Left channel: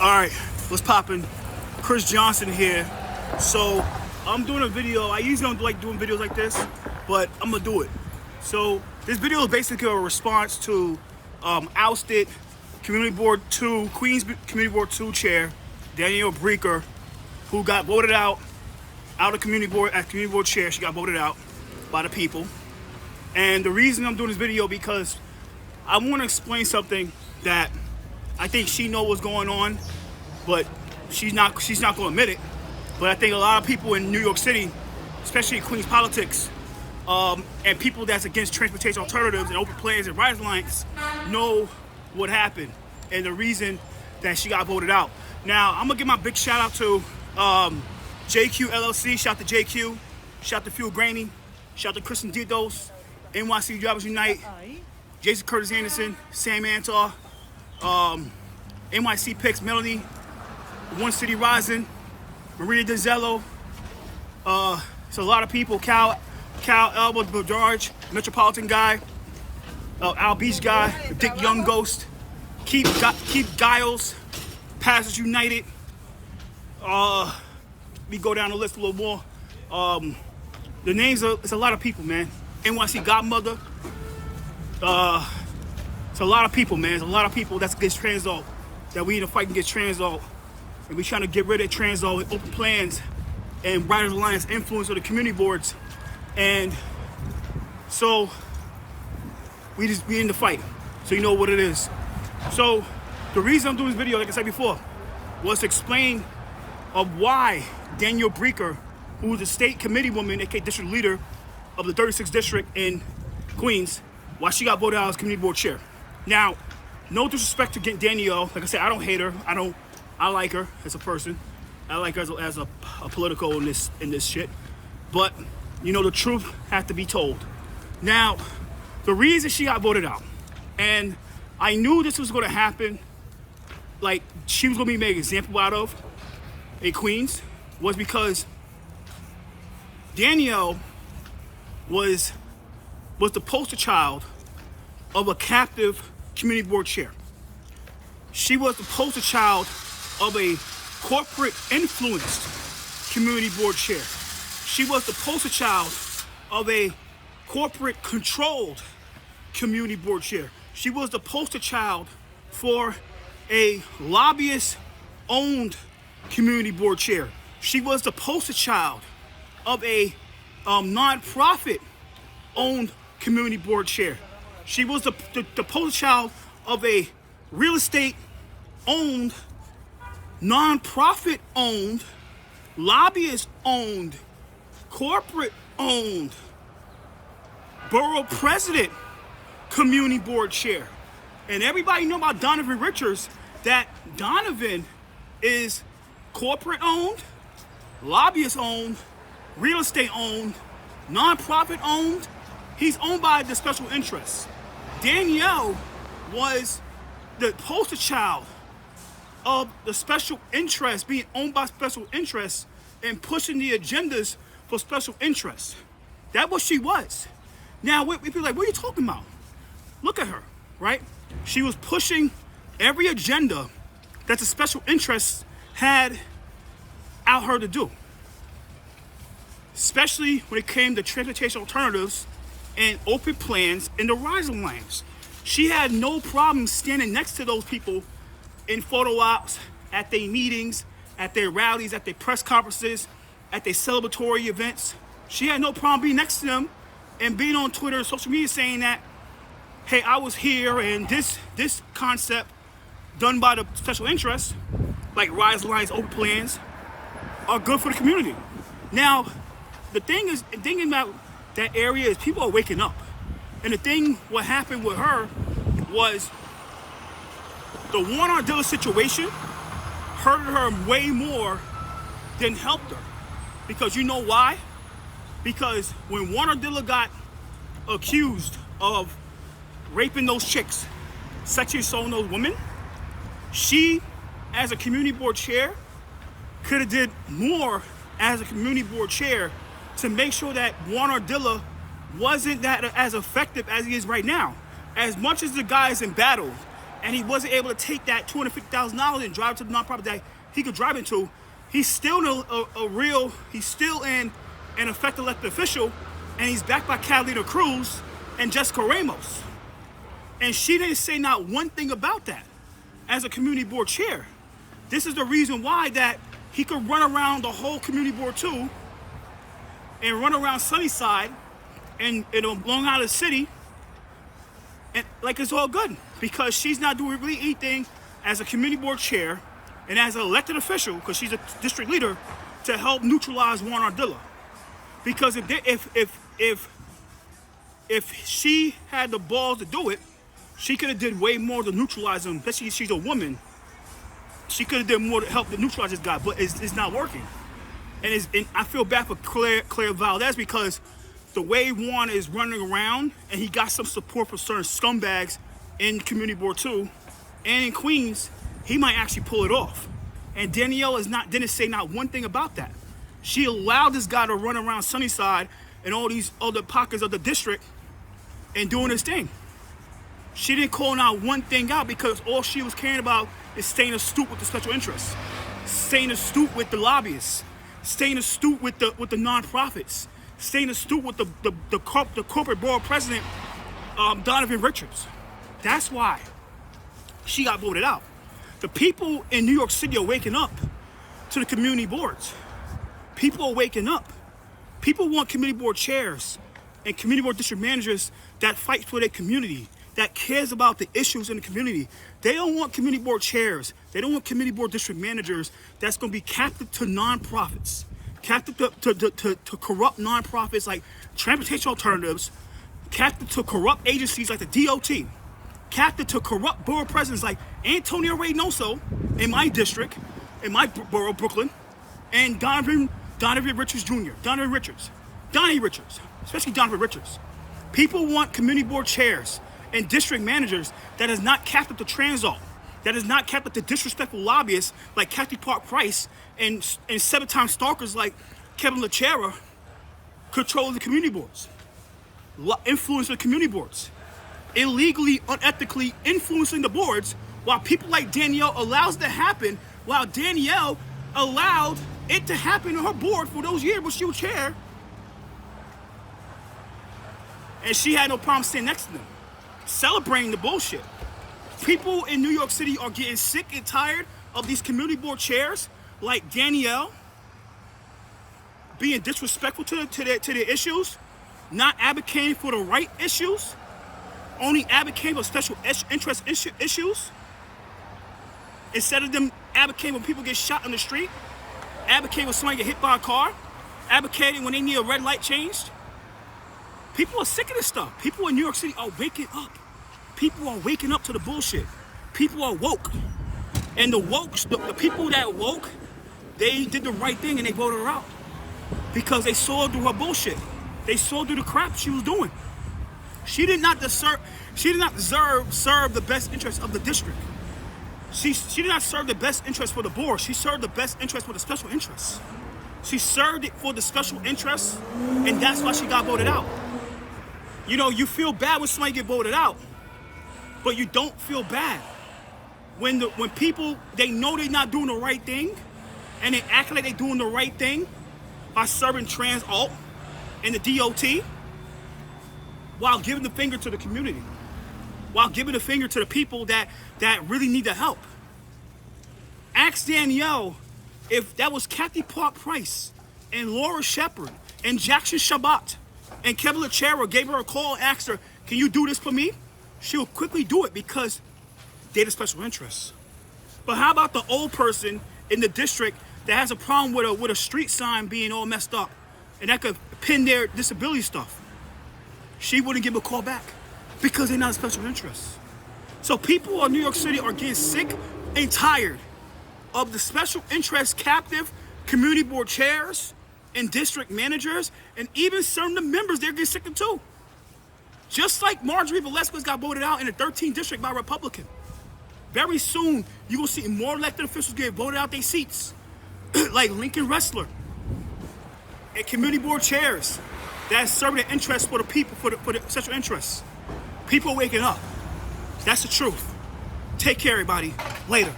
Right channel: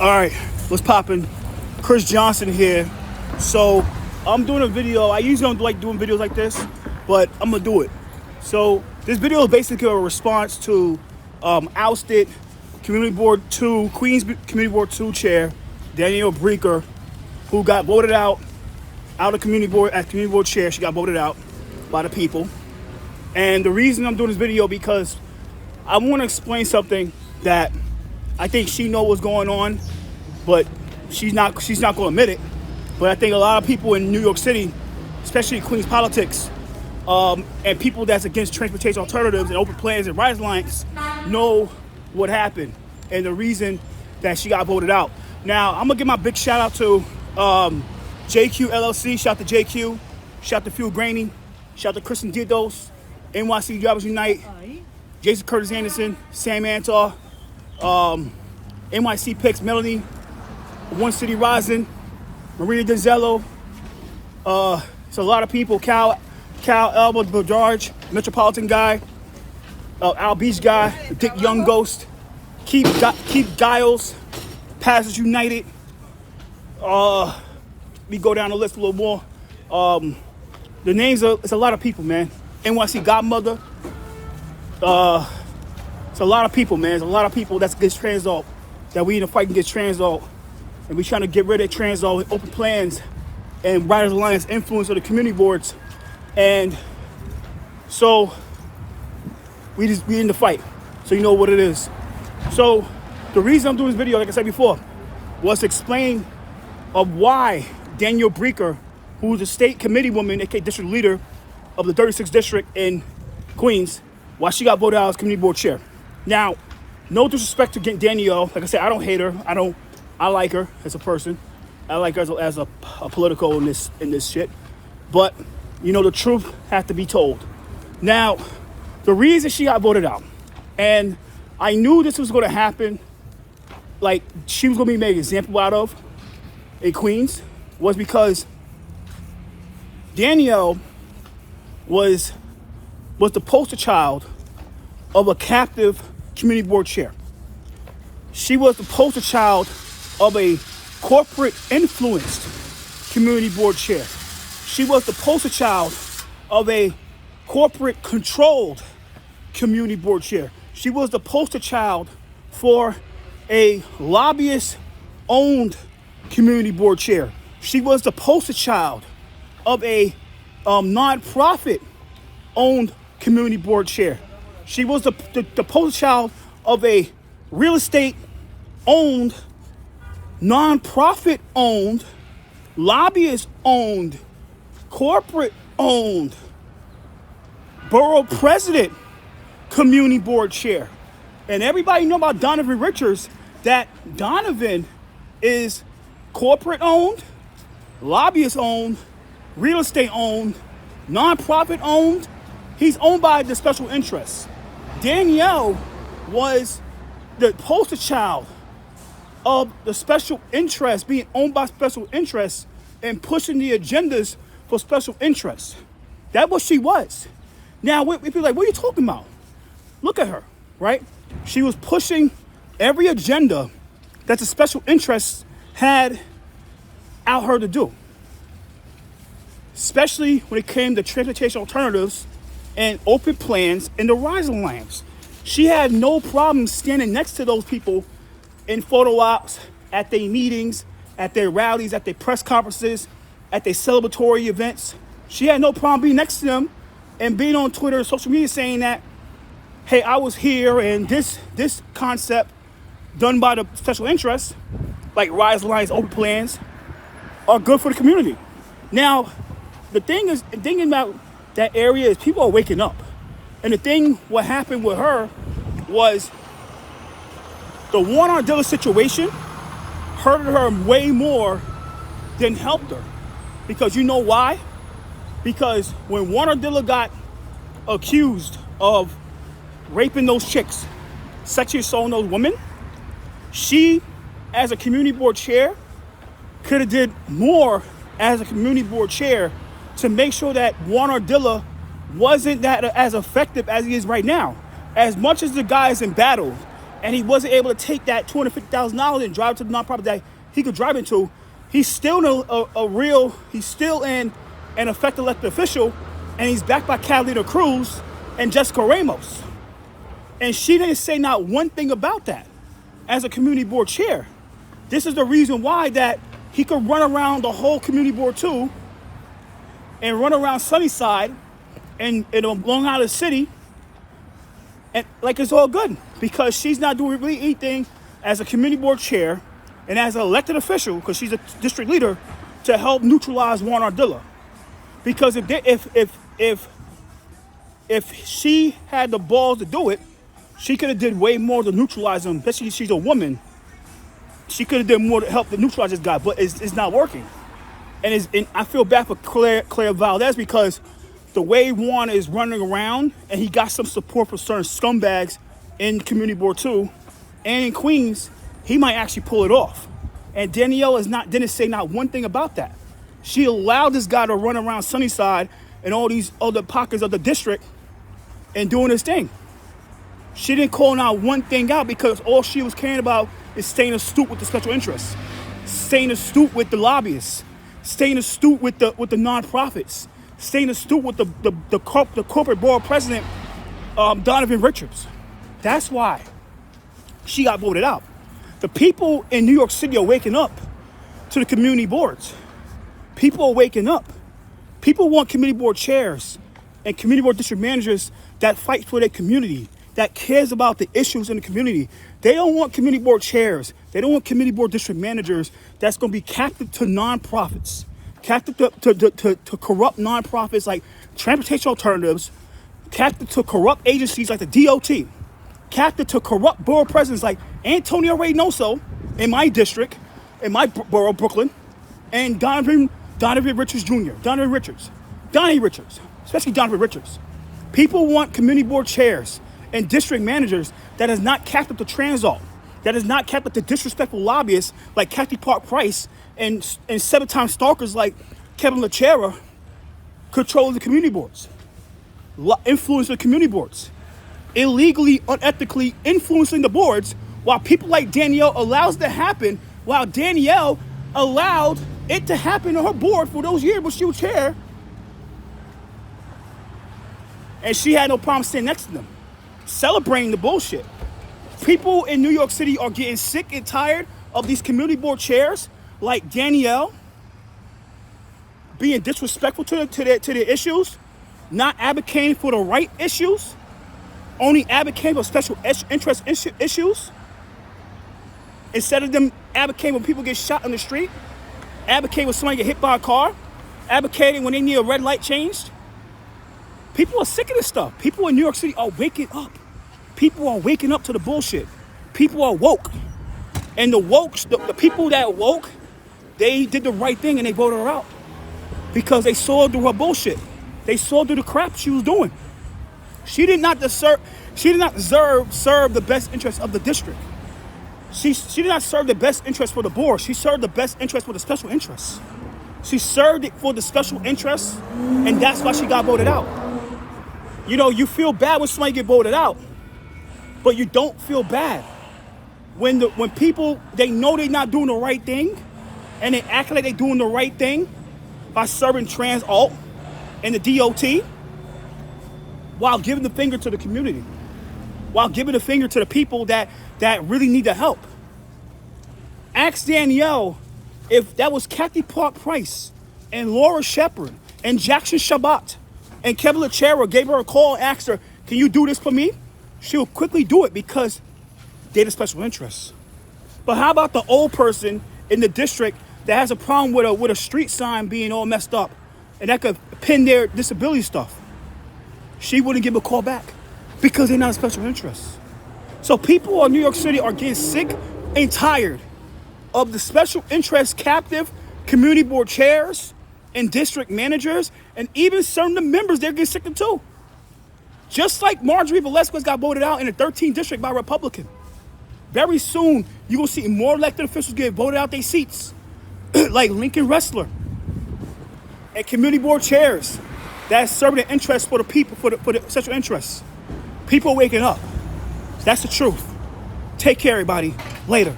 All right, what's poppin'? Chris Johnson here. So I'm doing a video. I usually don't like doing videos like this, but I'm gonna do it. So this video is basically a response to ousted Community Board 2, Queens Community Board 2 chair, Danielle Brecker, who got voted out of Community Board as Community Board chair. She got voted out by the people. And the reason I'm doing this video because I want to explain something that I think she knows what's going on, but she's not going to admit it. But I think a lot of people in New York City, especially Queens politics, and people that's against transportation alternatives and open plans and rise lines know what happened and the reason that she got voted out. Now, I'm going to give my big shout out to JQ LLC. Shout out to JQ. Shout out to Fuel Graney. Shout out to Kristen Didos, NYC Drivers Unite, Jason Curtis Anderson, Sam Antar, NYC Picks, Melanie, One City Rising, Maria Denzello. It's a lot of people. Cal Elba, George, Metropolitan guy, Al Beach guy, Dick Young Ghost, Keith Giles, Pastors United. We go down the list a little more. The names are, it's a lot of people, man. NYC Godmother. It's a lot of people, man. It's a lot of people that's against Transalt, that we need to fight against Transalt. And we're trying to get rid of Transalt with open plans and Riders Alliance influence of the community boards. And so we in the fight. So you know what it is. So the reason I'm doing this video, like I said before, was to explain of why Danielle Brecker, who is a state committee woman, aka district leader of the 36th district in Queens, why she got voted out as community board chair. Now, no disrespect to Danielle. Like I said, I don't hate her. I like her as a person. I like her as a political in this shit. But you know, the truth has to be told. Now, the reason she got voted out, and I knew this was going to happen, like she was going to be made an example out of in Queens, was because Danielle was the poster child of a captive community board chair. She was the poster child of a corporate influenced community board chair. She was the poster child of a corporate controlled community board chair. She was the poster child for a lobbyist owned community board chair. She was the poster child of a nonprofit owned community board chair. She was the poster child of a real estate owned, nonprofit owned, lobbyist owned, corporate owned, borough president community board chair. And everybody know about Donovan Richards, that Donovan is corporate owned, lobbyist owned, real estate owned, nonprofit owned. He's owned by the special interests. Danielle was the poster child of the special interests, being owned by special interests and pushing the agendas for special interests. That's what she was. Now, people are like, what are you talking about? Look at her, right? She was pushing every agenda that the special interests had out her to do, especially when it came to transportation alternatives and open plans in the Rise Alliance. She had no problem standing next to those people in photo ops, at their meetings, at their rallies, at their press conferences, at their celebratory events. She had no problem being next to them and being on Twitter and social media saying that, hey, I was here and this concept done by the special interests, like Rise Alliance open plans, are good for the community. Now, the thing about that area is people are waking up. And what happened with her was the Warren Ardilla situation hurted her way more than helped her. Because you know why? Because when Warren Ardilla got accused of raping those chicks, sexually assaulting those women, she, as a community board chair, could have did more as a community board chair to make sure that Warren Ardilla wasn't that as effective as he is right now. As much as the guy is in battle, and he wasn't able to take that $250,000 and drive it to the nonprofit that he could drive into, he's still he's still an effective elected official, and he's backed by Catalina Cruz and Jessica Ramos. And she didn't say not one thing about that as a community board chair. This is the reason why that he could run around the whole community board too and run around Sunnyside and Long Island City and like it's all good, because she's not doing really anything as a community board chair and as an elected official, because she's a district leader, to help neutralize Juan Ardila. Because if she had the balls to do it, she could have did way more to neutralize him. Especially she's a woman. She could have done more to help to neutralize this guy, but it's not working. And I feel bad for Claire Valdez, because the way Juan is running around, and he got some support from certain scumbags in community board 2 and in Queens, he might actually pull it off. And Danielle didn't say not one thing about that. She allowed this guy to run around Sunnyside and all these other pockets of the district and doing his thing. She didn't call not one thing out, because all she was caring about is staying astute with the special interests, staying astute with the lobbyists, staying astute with the nonprofits, staying astute with the corporate board president, Donovan Richards. That's why she got voted out. The people in New York City are waking up to the community boards. People are waking up. People want community board chairs and community board district managers that fight for their community, that cares about the issues in the community. They don't want community board chairs. They don't want community board district managers that's going to be captive to nonprofits, captive to corrupt nonprofits like Transportation Alternatives, captive to corrupt agencies like the DOT, captive to corrupt borough presidents like Antonio Reynoso in my district, in my borough, Brooklyn, and Donovan Richards Jr., Donnie Richards, especially Donovan Richards. People want community board chairs and district managers that is not captive to Transalt, that is not captive to disrespectful lobbyists like KathyParkprice and 7-time stalkers like Kevin Lacherra control the community boards, influence the community boards, illegally, unethically influencing the boards, while people like Danielle allows it to happen, while Danielle allowed it to happen on her board for those years when she was chair, and she had no problem sitting next to them, celebrating the bullshit. People in New York City are getting sick and tired of these community board chairs like Danielle being disrespectful to their issues, not advocating for the right issues, only advocating for special interest issues, instead of them advocating when people get shot on the street, advocating when somebody get hit by a car, advocating when they need a red light changed. People are sick of this stuff. People in New York City are waking up. People are waking up to the bullshit. People are woke. And the people that woke, they did the right thing and they voted her out. Because they saw through her bullshit. They saw through the crap she was doing. She did not serve the best interest of the district. She did not serve the best interest for the board. She served the best interest for the special interests. She served it for the special interests, and that's why she got voted out. You know, you feel bad when somebody get voted out, but you don't feel bad when people, they know they're not doing the right thing, and they act like they're doing the right thing by serving Transalt and the DOT, while giving the finger to the community, while giving the finger to the people that really need the help. Ask Danielle if that was KathyParkprice and Laura Shepard and Jackson Shabbat and Kevin Lacherra gave her a call and asked her, can you do this for me? She'll quickly do it because they're the special interests. But how about the old person in the district that has a problem with a street sign being all messed up and that could pin their disability stuff? She wouldn't give a call back because they're not a special interest. So people in New York City are getting sick and tired of the special interest captive community board chairs and district managers, and even some of the members, they're getting sick of too. Just like Marjorie Velasquez got voted out in the 13th district by Republican. Very soon, you will see more elected officials get voted out their seats, like Lincoln Wrestler and community board chairs that's serving the interests for the people, for the special interests. People are waking up. That's the truth. Take care, everybody. Later.